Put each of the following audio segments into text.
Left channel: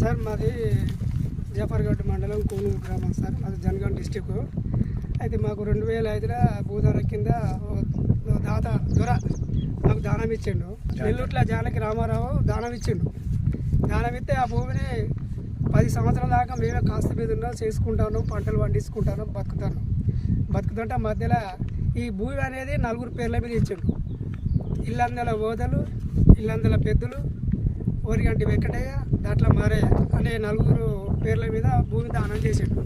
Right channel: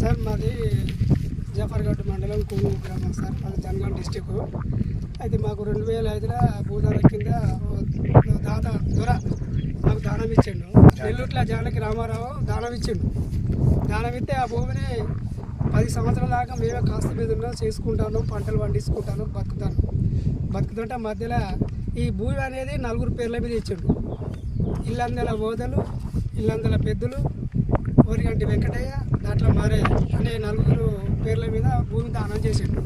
Sir మాది జఫర్గఢ్ మండలం కూను గ్రామం సార్, మాది జనగాం డిస్టిక్. అయితే మాకు 2005లో భూదాల కింద దాత దొర మాకు దానం ఇచ్చిండు. నెల్లూట్ల జానకి రామారావు దానం ఇచ్చిండు. దానం ఇస్తే ఆ భూమిని 10 సంవత్సరాల దాకా మేమే కాస్త మీద ఉన్నాం, చేసుకుంటాను, పంటలు పండించుకుంటాను, బతుకుతుంటే మధ్యలో ఈ భూమి అనేది 4 పేర్ల మీద ఇచ్చిండు. ఇల్లందల ఓదలు, ఇల్లందల పెద్దలు, ఓరిగంటి వెంకటయ్య, దాంట్లో మారయ్య అనే 4 పేర్ల మీద భూమి దానం చేసిండు.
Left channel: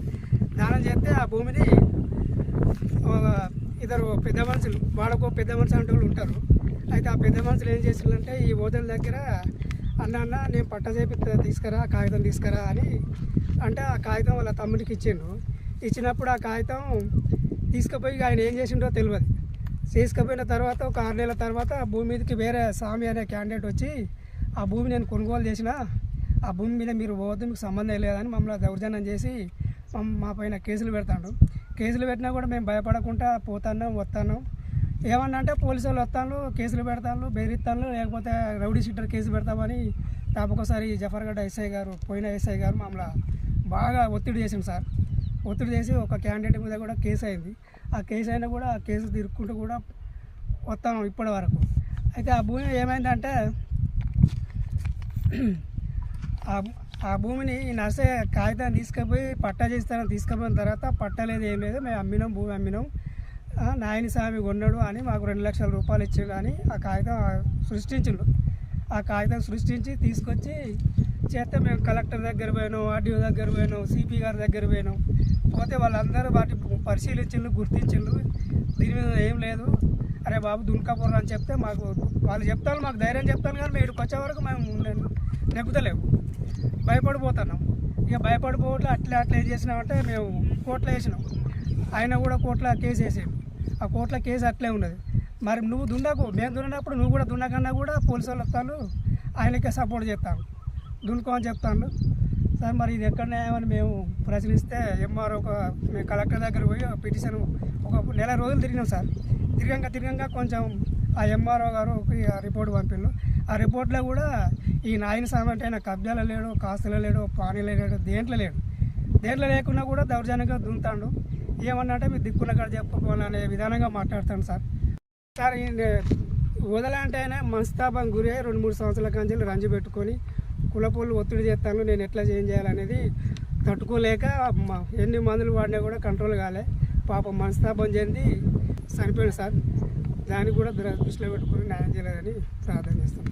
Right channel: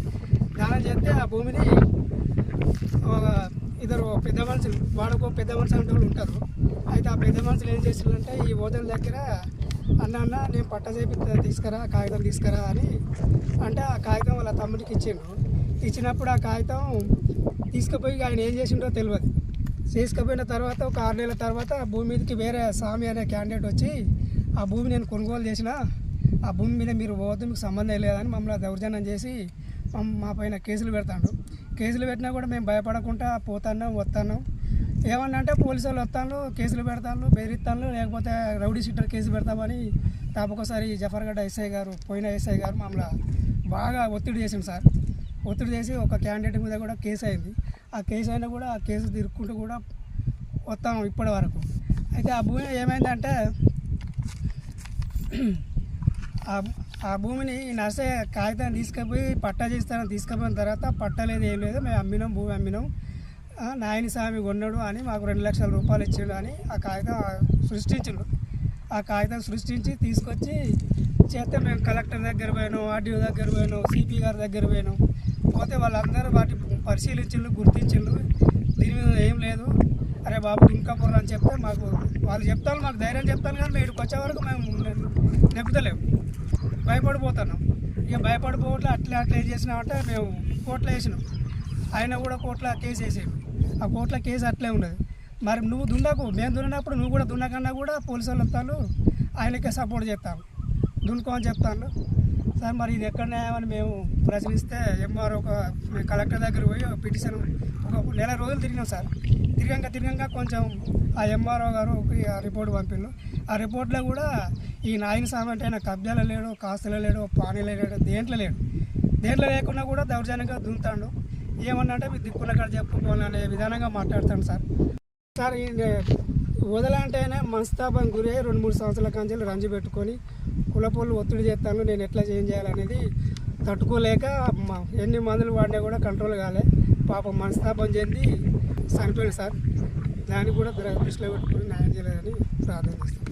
దానం చేస్తే ఆ భూమిని ఇద్దరు పెద్ద మనుషులు, వాడకో పెద్ద మనుషులు అంటే వాళ్ళు ఉంటారు. అయితే ఆ పెద్ద మనుషులు ఏం చేసిందంటే ఈ ఓదల దగ్గర అన్న నేను పట్ట చేపి కాగితం తీసుకురా అని అంటే ఆ కాగితం వాళ్ళ తమ్ముడికి ఇచ్చిండు. ఇచ్చినప్పుడు ఆ కాగితం తీసుకుపోయి ఆయన ఏం చేసిండో తెలియదు. తీసుకుపోయిన తర్వాత ఒక 6 నెలల తర్వాత ఆ భూమి మీదకి వేరే స్వామి అనే క్యాండిడేట్ వచ్చి ఆ భూమి నేను కొనుగోలు చేసిన, ఆ భూమి మీద మీరు పోవద్దు, మీకు సంబంధం లేదని మమ్మల్ని దౌర్జన్యం చేసి మా పైన కేసులు పెడతాడు. కేసులు పెట్టినా కూడా మేము భయపడకుండా వస్తాను. ఏమన్నా అంటే పోలీసు వాళ్ళు వస్తాను, కేసులు పెడతాను, బెదిరిస్తాను, లేకపోతే రౌడీ షీటర్ కేసు పెడతామని తాపకొకసారి జఫర్గఢ్ ఎస్ఐ గారు, పోయిన ఎస్ఐ గారు మమ్మల్ని బాగా ఒత్తిడి చేసింది సార్. ఒత్తిడి చేసి ఒక క్యాండిడేట్ మీద కూడా కేసు అయింది. ఆ కేసు అయినా కూడా ఆ కేసు తిరుక్కుంటూ కూడా వస్తాము ఇప్పటి వరకు. అయితే ఆ భూమి ఏమైందంటే ఆ భూమిని నర్సే కాగితాన్ని తీసుకుపోయి పట్టా చేస్తానని తీసుకుపోయిన తర్వాత పట్టలేదు, ఏం లేదు, మేము అమ్మినాం, భూమి అమ్మినాం, నాయని స్వామి కొన్నాడు అని మాకు 2 లక్షల రూపాయలు ఇచ్చిండు అని ఆ కాగితం సృష్టించిండు. ఆ కాగితం సృష్టించి తీసుకొచ్చి చేస్తే మేము కలెక్టర్ దగ్గర పోయినాం, ఆర్డీఓ దగ్గర పోయినాం, సిపి గారి దగ్గర పోయినాం. పోతే వాళ్ళందరూ వాటి పరిశీలించిండ్రు, గుర్తించిండ్రు, దీని మీద ఏం లేదు, అరే బాబు దున్కాపురం అని చెప్తే మాకు వాళ్ళు చెప్తాను, మాకు ధైర్యం చెప్తాను, కానీ మేము ఇక్కడికి వచ్చే వరకు మేము నెగ్గుతలేము, భయపడిపోతున్నాం. ఇక భయపడిపోవట్లే అట్లా ఏం చేసినామంటే మేము కోర్టులో వేసినాం. ఆయన కూడా కోర్టులో కేసు వేసాడు. ఆ కోర్టులో కేసు అట్లే ఉన్నది. మరి నువ్వు దున్నకు, మేము దున్నప్పుడు నువ్వు కూడా దున్నకన్నా కూడా పోలీసు వాళ్ళు వస్తాను, ఆయనకే సపోర్ట్ చేస్తాను, దున్నుకో అని చెప్తాను సార్. మరి ఇది ఎక్కడ న్యాయమని మేము ప్రశ్నిస్తే ఎంఆర్ మేము కలెక్టర్ దగ్గర పోయి పిటిషన్ ఒక నెల రోజులు తిరిగినాం సార్. తిరగంగా కొంచెం ఆ ఎంఆర్ఓ గారు రిపోర్ట్ పంపిండు. ఆ రిపోర్ట్లో కూడా ఈ నాయన స్వామి అంటే ఆయన కబ్జాలో లేడు, కాస్తులో లేడు, పానీలో లేడు, దేంట్లో లేకుండా కూడా దౌర్జన్యంగా దున్నుతాడు. ఏమన్నా అంటే మీరు దిక్కున్న కాడ చెప్పుకోవాలనే విధానంగా మాట్లాడతాను సార్. సార్ వదలంటేనే మనస్తాపం గురి 2-3 సంవత్సరాల కంచెలు రంజి పెట్టుకొని కులపోళ్ళు ఒత్తిడి చేస్తాను, నేను ఎట్లా చేయాలనేది తట్టుకోలేక ఎన్ని మందులు వాడినా కూడా కంట్రోల్ కాలే, పాపం మనస్తాపం చెంది చనిపోయాడు సార్. దాన్ని కూడా దృష్టిలో పెట్టుకుని న్యాయం చేయాలని ప్రార్థన చేస్తాను.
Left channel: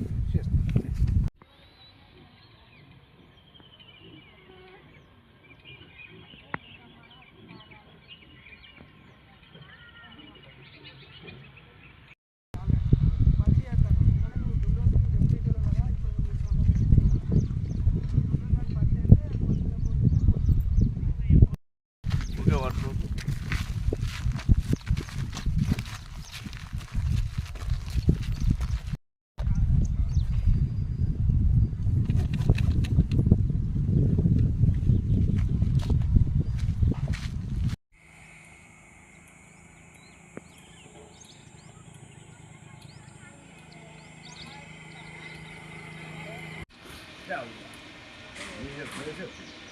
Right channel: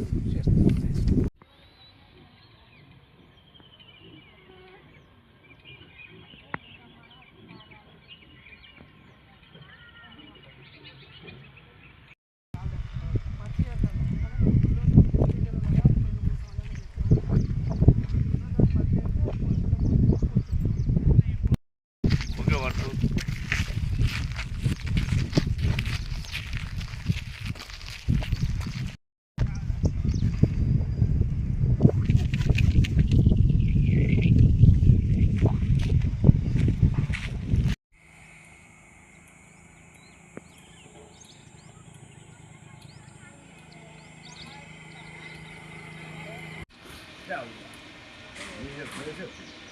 Ya Allah. İyice böyle yapıyor.